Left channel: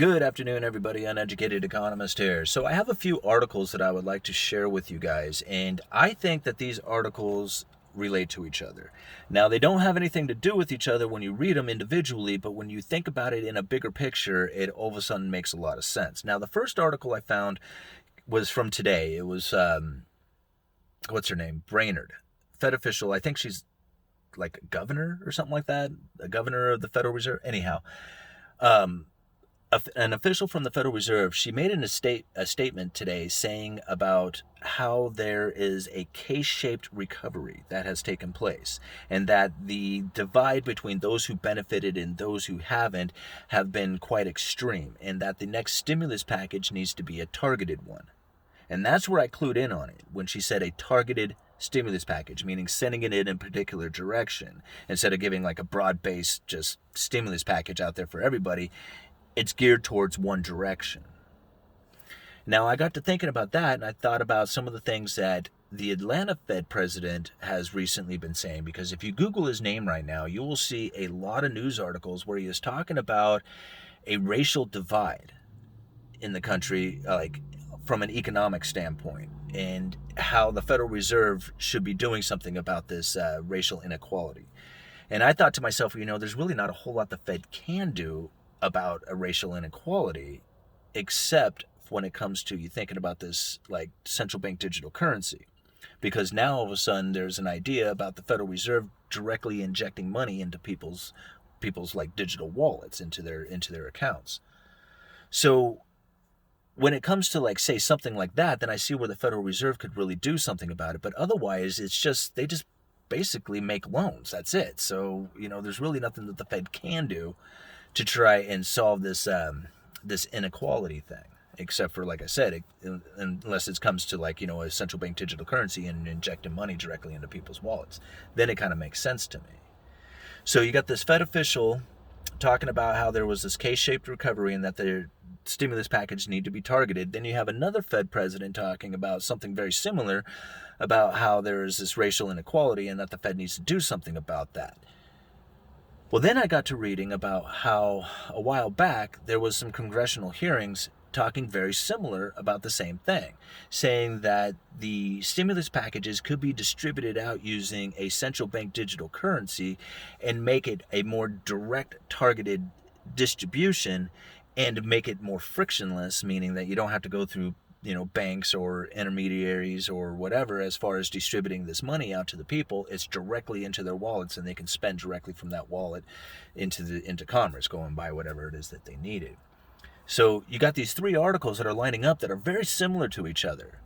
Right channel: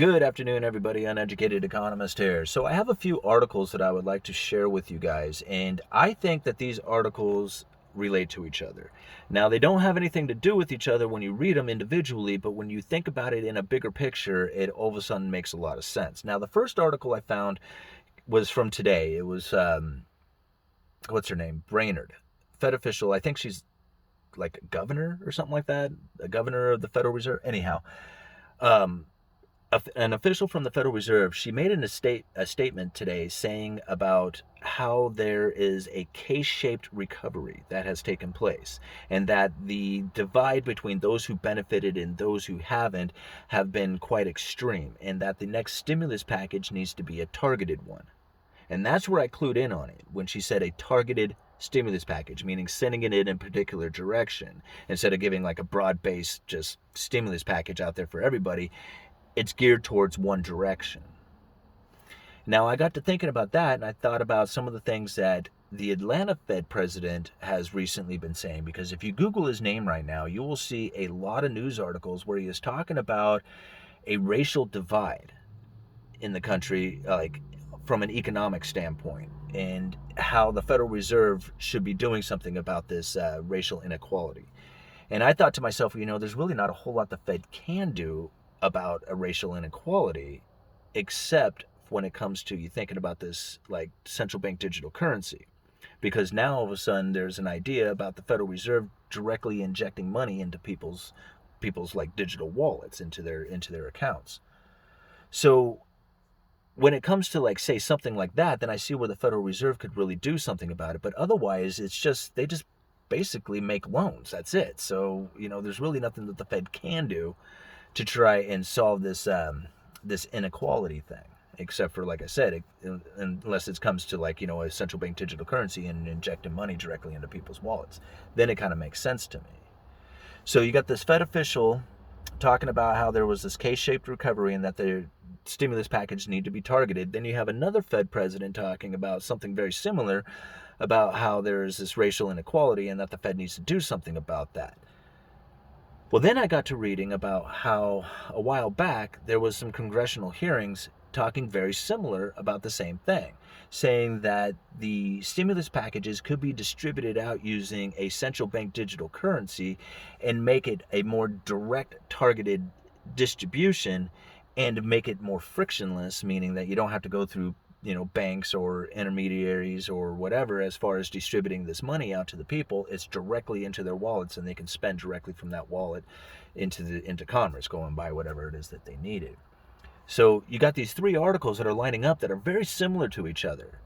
Good afternoon, everybody. Uneducated Economist here. So I have a few articles that I would like to share with you guys, and I think that these articles relate to each other. Now, they don't have anything to do with each other when you read them individually, but when you think about it in a bigger picture, it all of a sudden makes a lot of sense. Now, the first article I found was from today. It was, what's her name? Brainerd, Fed official. I think she's like a governor or something like that, a governor of the Federal Reserve. Anyhow, um, an official from the Federal Reserve, she made a statement today saying about how there is a K-shaped recovery that has taken place, and that the divide between those who benefited and those who haven't have been quite extreme, and that the next stimulus package needs to be a targeted one. And that's where I clued in on it when she said a targeted stimulus package, meaning sending it in a particular direction instead of giving like a broad-based just stimulus package out there for everybody. It's geared towards one direction. Now, I got to thinking about that, and I thought about some of the things that the Atlanta Fed president has recently been saying, because if you Google his name right now, you will see a lot of news articles where he is talking about a racial divide in the country, like from an economic standpoint, and how the Federal Reserve should be doing something about this racial inequality. And I thought to myself, there's really not a whole lot the Fed can do about a racial inequality, except when it comes to you thinking about this like central bank digital currency. Because now all of a sudden there's an idea about the Federal Reserve directly injecting money into people's like digital wallets, into their accounts. So when it comes to like say something like that, then I see where the Federal Reserve could really do something about it. But otherwise they just basically make loans. That's it. So, there's really nothing that the Fed can do to try and solve this inequality thing, except for, like I said, unless it comes to like a central bank digital currency and injecting money directly into people's wallets, then it kind of makes sense to me. So you got this Fed official talking about how there was this K-shaped recovery and that the stimulus package need to be targeted. Then you have another Fed president talking about something very similar, about how there is this racial inequality and that the Fed needs to do something about that. Well, then I got to reading about how a while back there was some congressional hearings talking very similar about the same thing, saying that the stimulus packages could be distributed out using a central bank digital currency and make it a more direct targeted distribution and make it more frictionless, meaning that you don't have to go through banks or intermediaries or whatever as far as distributing this money out to the people. It's directly into their wallets, and they can spend directly from that wallet into commerce, go and buy whatever it is that they needed. So you got these three articles that are lining up that are very similar to each other.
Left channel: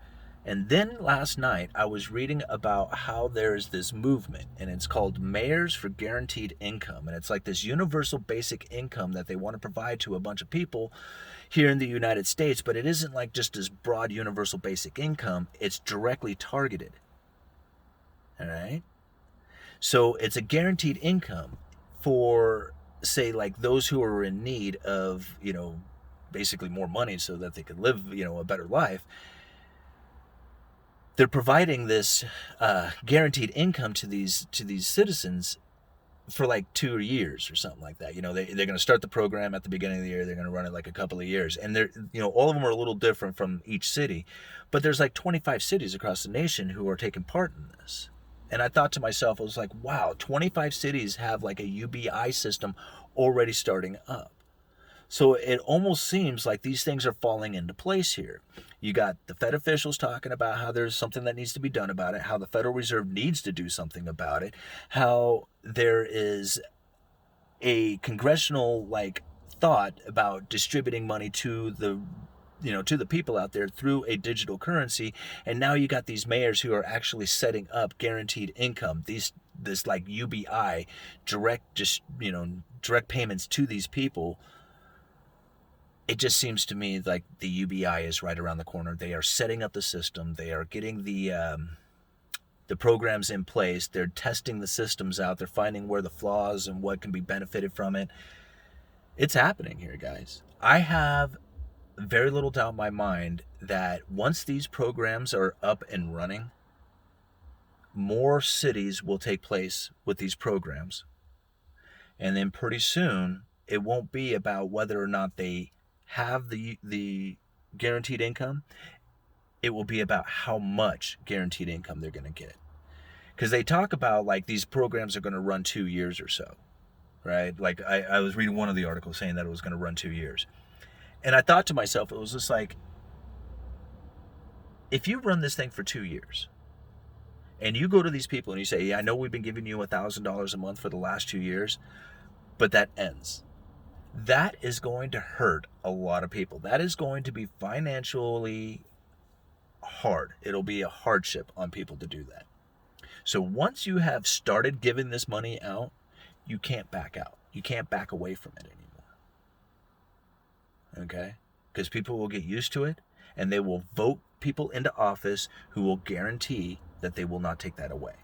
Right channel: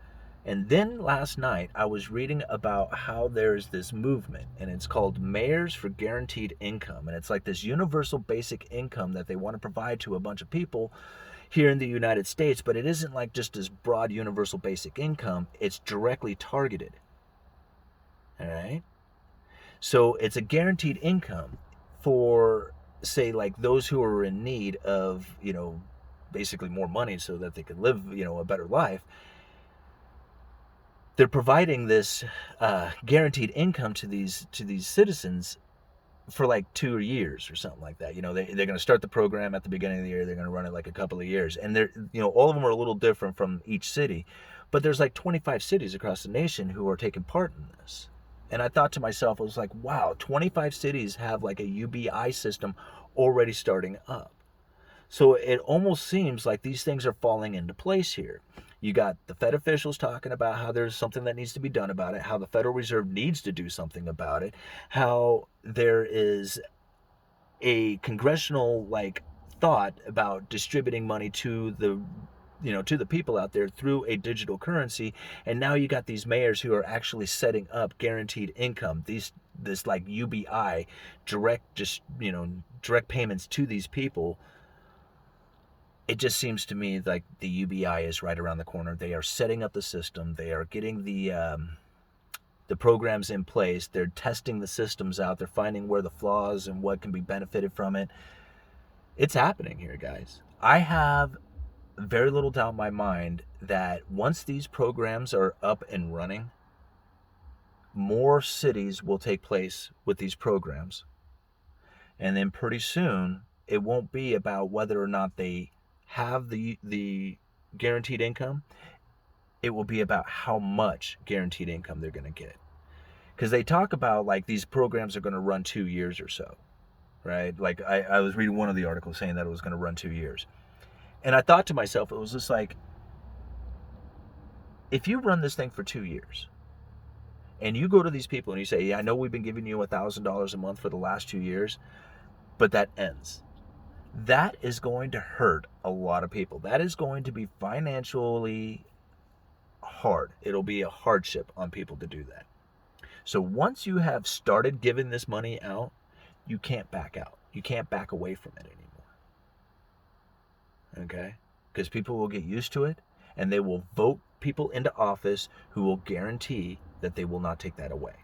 And then last night I was reading about how there's this movement, and it's called Mayors for Guaranteed Income, and it's like this universal basic income that they want to provide to a bunch of people here in the United States. But it isn't like just this broad universal basic income. It's directly targeted. All right? So it's a guaranteed income for, say, like those who are in need of, basically more money so that they can live, a better life. They're providing this guaranteed income to these citizens for like 2 years or something like that. They're going to start the program at the beginning of the year. They're going to run it like a couple of years, and they're all of them are a little different from each city, but there's like 25 cities across the nation who are taking part in this. And I thought to myself, I was like, wow, 25 cities have like a UBI system already starting up. So it almost seems like these things are falling into place here. You got the Fed officials talking about how there's something that needs to be done about it, how the Federal Reserve needs to do something about it, how there is a congressional like thought about distributing money to the people out there through a digital currency. And now you got these mayors who are actually setting up guaranteed income, this like UBI, direct payments to these people. It just seems to me like the UBI is right around the corner. They are setting up the system. They are getting the programs in place. They're testing the systems out. They're finding where the flaws and what can be benefited from it. It's happening here, guys. I have very little doubt in my mind that once these programs are up and running, more cities will take place with these programs. And then pretty soon, it won't be about whether or not they have the guaranteed income, it will be about how much guaranteed income they're going to get. Because they talk about like these programs are going to run 2 years or so, right? Like I was reading one of the articles saying that it was going to run 2 years. And I thought to myself, it was just like, if you run this thing for 2 years and you go to these people and you say, yeah, I know we've been giving you $1,000 a month for the last 2 years, but that ends. That is going to hurt a lot of people. That is going to be financially hard. It'll be a hardship on people to do that. So once you have started giving this money out, you can't back out. You can't back away from it anymore. Okay? Because people will get used to it, and they will vote people into office who will guarantee that they will not take that away.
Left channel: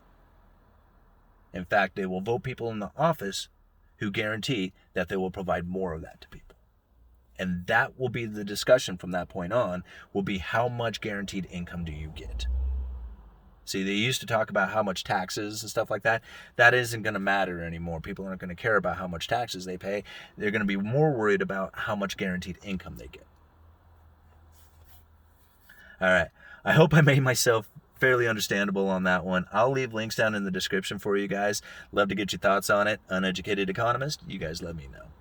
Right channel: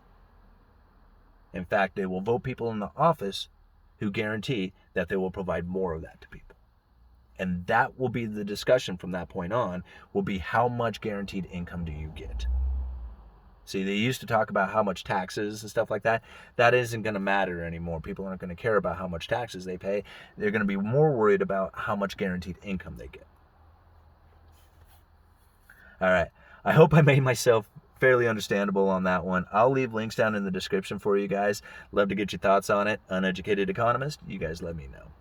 In fact, they will vote people in the office who guarantee that they will provide more of that to people. And that will be the discussion from that point on, will be how much guaranteed income do you get? See, they used to talk about how much taxes and stuff like that. That isn't going to matter anymore. People aren't going to care about how much taxes they pay. They're going to be more worried about how much guaranteed income they get. All right. I hope I made myself fairly understandable on that one. I'll leave links down in the description for you guys. Love to get your thoughts on it. Uneducated Economist, you guys let me know.